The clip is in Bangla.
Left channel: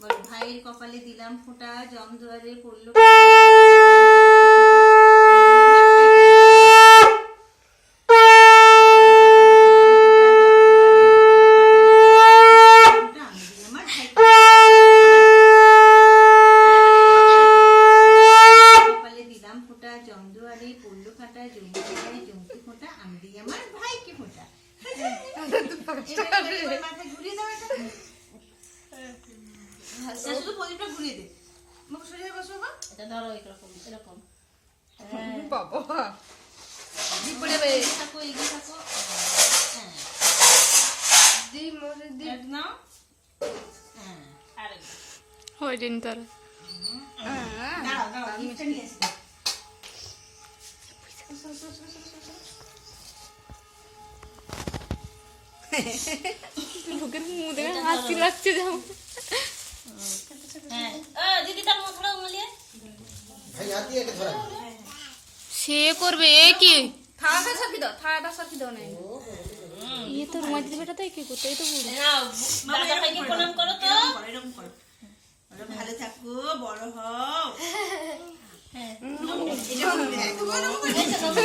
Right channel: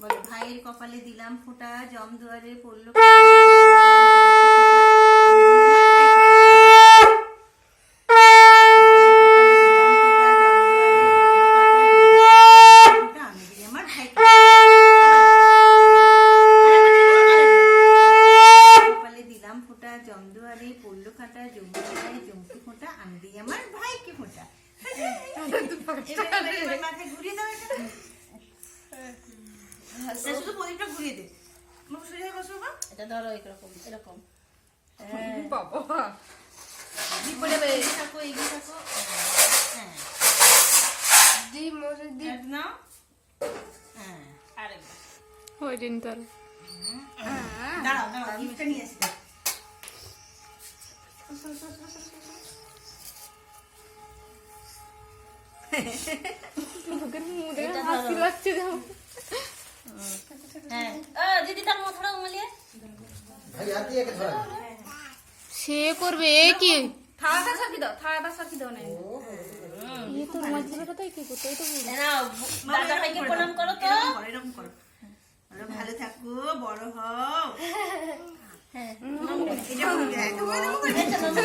বলো ভাইয়ের কপালে দিলাম ফোঁটা, জম দুয়ারে পড়লো শুধু প্রদীপটা ঘুরিয়ে দে। সোজা বসো বাবা, এটা ধরো এরকম এরকম। বাবা দীপ পড়ে থাকো, এগিয়ে থাকো। হ্যাঁ দীপ মরে দীপ নাও। হ্যাঁ আরে ওই দিন তোর দাঁড়াও দাঁড়াও, দীপটা নিয়ে আসি। লোকের মুখ দেখে হাসি লাগছে যেমন। হ্যাঁ দিদি তার মুখটা উমলিয়ে ভাই হাত দিয়ে ধরা। সে করবে এ কি থালাটা সাকি দাও, থালাটা সাকি দাও না। এই তো মাঝে বেটাতে কি করতে, এই তো বুড়ি নাও দাদা ভাইকে প্রণাম করো তো। এরকম করো, ভালো থাকো, বড় হও। হ্যাঁ এটা বলে, এটা বলে।